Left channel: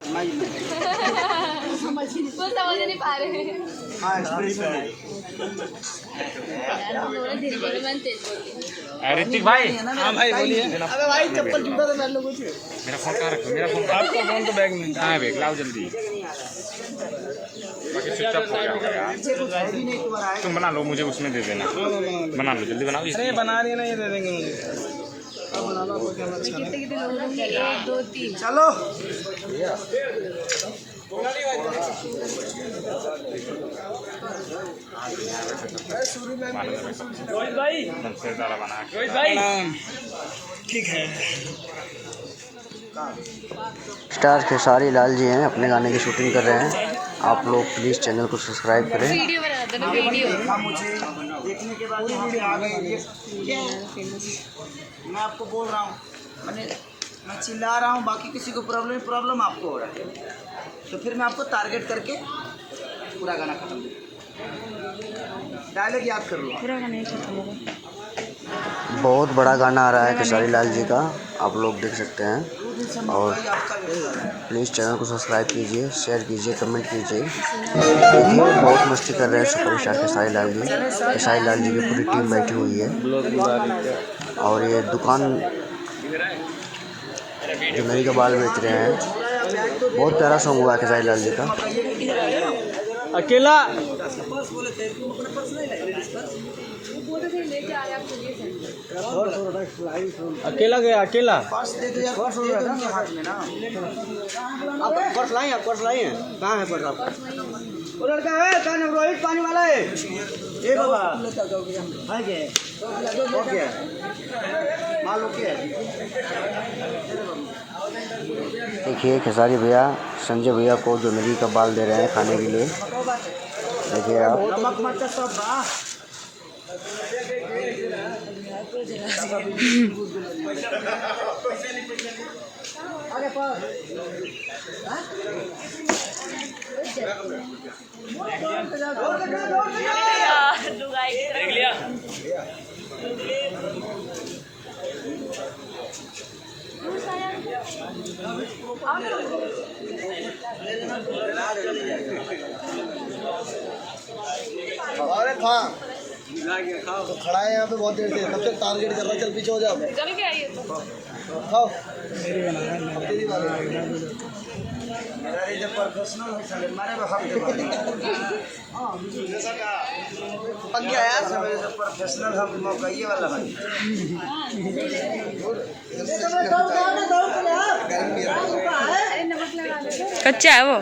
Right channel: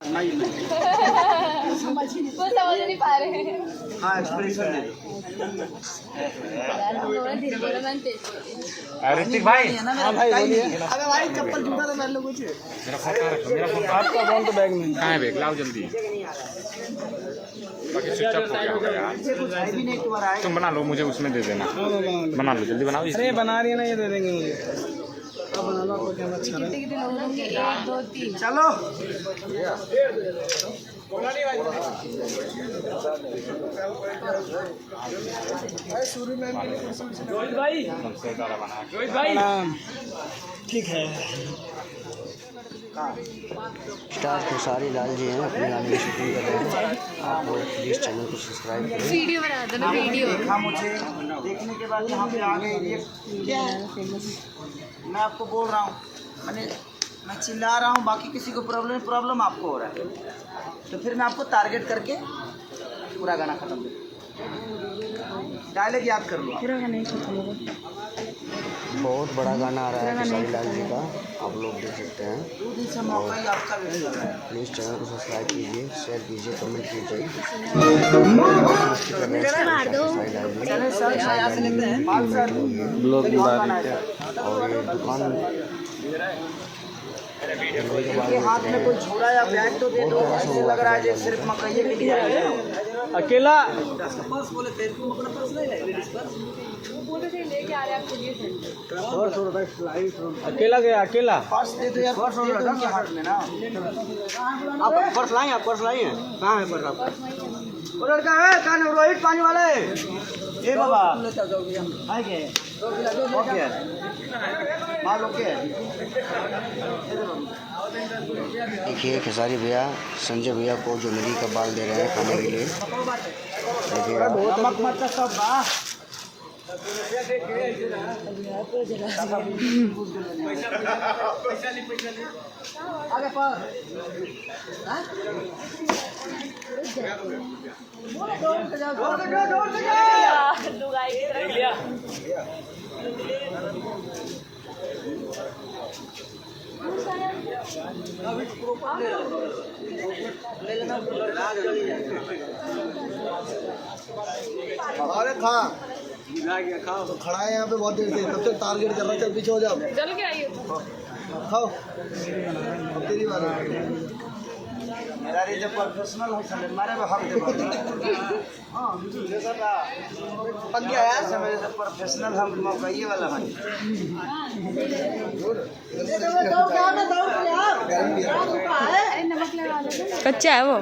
वो समझ नहीं पा रहे हैं। हाँ एक्सप्रेशन है। ऋतिक भाई। हाँ भाई बोलिए। अबे भाई चप्पल जूता तो पहन लो कुछ। मेरा फोन कहाँ रखो? मेरा फोन आपका फोन तो बैग में कहाँ है? बैग लाओ जल्दी। बाकी स्विच ऑफ हो गया होगा यार। तुम बना लो, मुझे उसमें दे देना। बना लो जल्दी बनाओ। अरे बना रही है ना, ये दे देंगे मुझे। अब बना लो तो क्या अच्छा है। 1 2 3 चलो ठीक है। स्टार खेसारी लाल जी हैं, अपने गाने की शूटिंग कर रहे हैं। आप लोग प्लीज़ चैनल को सब्सक्राइब करें। वीडियो बना दो वीडियो। देखा मुझे, देखने के बाद यहाँ पे आ गए। क्या है? मैं आपको बोल रहा हूँ, मैं चिल्ला रहा हूँ, बाकी किसी को प्रॉब्लम आपको हो रहा है, तो फिर मैं आपको टारगेट करके पूरा गाना खत्म कर। डायलॉग याद कर लो। पूरा गाना ही खत्म होगा। बहुत बड़ा गाना आ रहा है खेसारी लाल जी का, आप लोग देख सकते हैं। और प्लीज़ चैनल को सब्सक्राइब कीजिए, शेयर कीजिए, कमेंट कीजिए। बहुत मस्ती कर रहे हैं सुपरस्टार खेसारी लाल जी। खेसारी लाल जी की पूरी टीम बैठी हुई है। और ये दुकान जुमेरी का बाल बेच रहे हैं। बहुत प्यारा सॉन्ग हुआ खेसारी लाल जी का। अकेला अकेला गया, अकेला पर्स दे दो यार। पर्स हाथ में ना। आप पर्स लाए? आप पर्स लाए हैं? कहाँ है पर्स आपका? वो लड़का है, कहाँ है? रोहित पानी वाला है। ए बाबा है क्या? ओके माल ओके। देखिए खेसारी भैया संजय भैया को जुमेरी का बाल दे रहे हैं खाने के लिए। देखिए आप। नमक मरचा सब आगे पर अरे था खाओ तो खड़ा है यहाँ पे बहुत देर से, तब तक टारगेट कर रहा है। चल पीछे हो जाओ, चल के आइए। खाओ। मेरा जो प्रोफेशनल है साले मारे वो हम हां पक गया यार। मेरे जो प्रोफेशनल हम मौकाई वाला है। कच्चा है वो,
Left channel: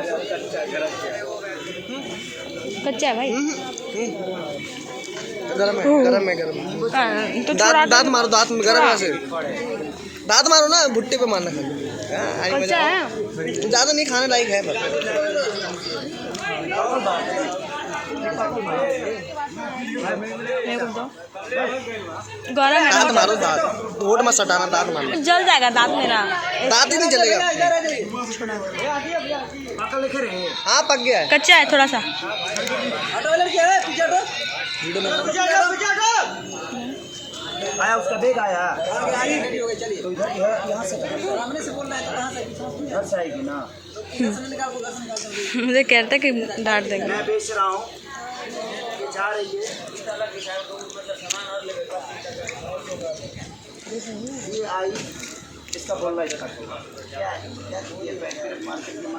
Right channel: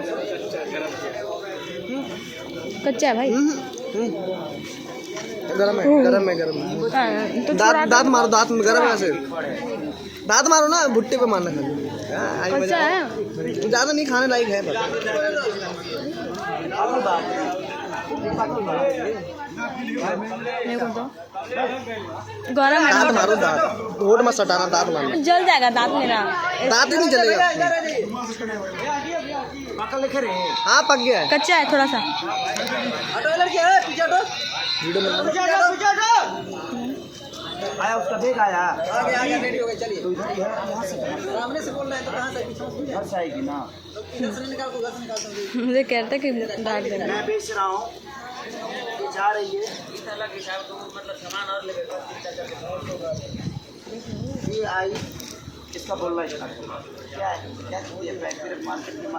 कच्चा है भाई। गरम है तो दांत मारो, दांत में गरम है से दांत मारो ना, भुट्टे पे मारना खाली। कच्चा है, ज्यादा नहीं खाने लायक है। मेरे को दो। गरम है। दांत मारो, दांत होठ मत सटाना, दांत मारना। जल जाएगा दांत मेरा। दांत ही नहीं जलेगा। पका लेकर हाँ पक गया है। कच्चा है थोड़ा सा। आया उसका बैग आया तो इधर यहाँ से घर से आएगी ना। मुझे कहता कि डांट देंगे। मैं बेच रहा हूँ, ये जा रही है इस तरह की मतलब सामान और ये आई। इसका बोल रहा है इसका क्या है, क्या ये मार्केट में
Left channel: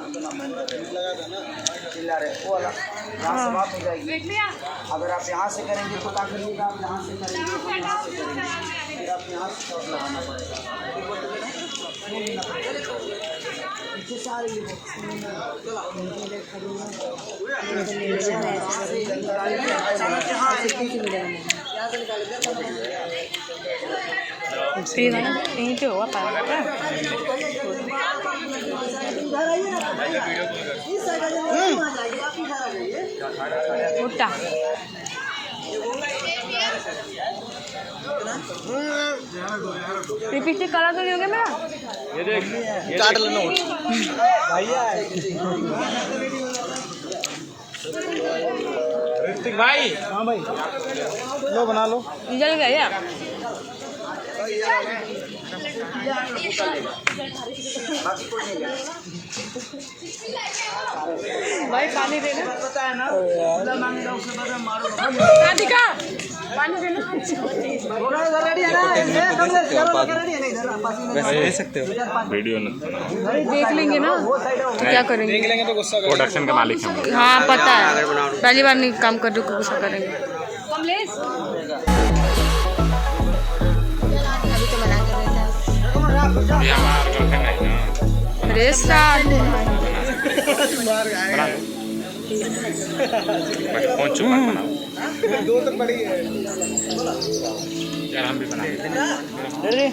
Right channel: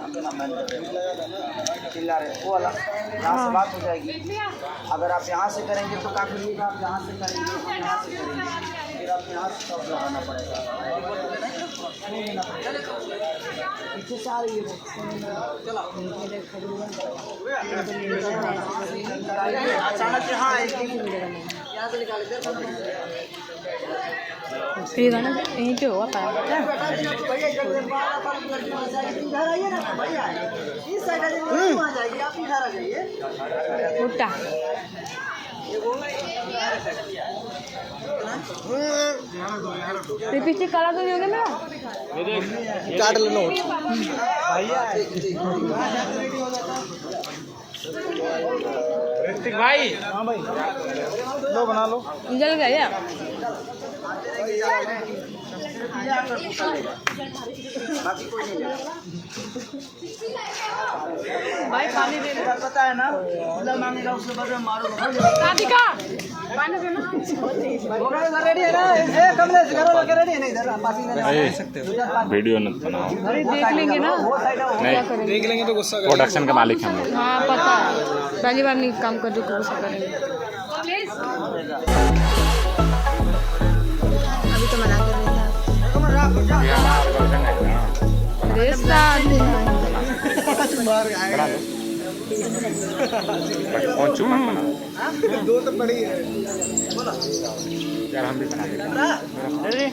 चिल्ला रहे वो वाला। यहाँ से बात हो जाएगी। अगर आप यहाँ से करेंगे तो क्या करिएगा, आप यहाँ से करेंगे हम यहाँ से करेंगे, फिर आप यहाँ से शॉट लगाना पड़ेगा। पीछे से आ रही है फिर गाना यहीं पे हुआ पाया उठा पीछे कला तो नहीं हो गया मेरा। काट लेना ऋतिक भाई। हाँ भाई लो बना लो। जल गया या? बाकी कोई नहीं। भाई खाने दे बात पता है ना, खुला मांगेगा उसके बाद में मारूंगा। राधिका पानी देना रेडी है ना, ये कर ले, रेडी है ना, इधर पास में दे सकते हो वीडियो न बनाओ। अरे देख लेंगे ना क्या करेंगे। देख लेंगे तो गुस्सा करेंगे। प्रोडक्शन का मालिक हम। हाँ पता है, पहली बार नहीं काम कर रहे को गुस्सा करेंगे। ये हमारा गर्लफ्रेंड है ना। रेस्ता बना लो। बस फोन चुप मत बनाओ। दो तो बड़ी है यार हम भी बना लेते हैं। अरे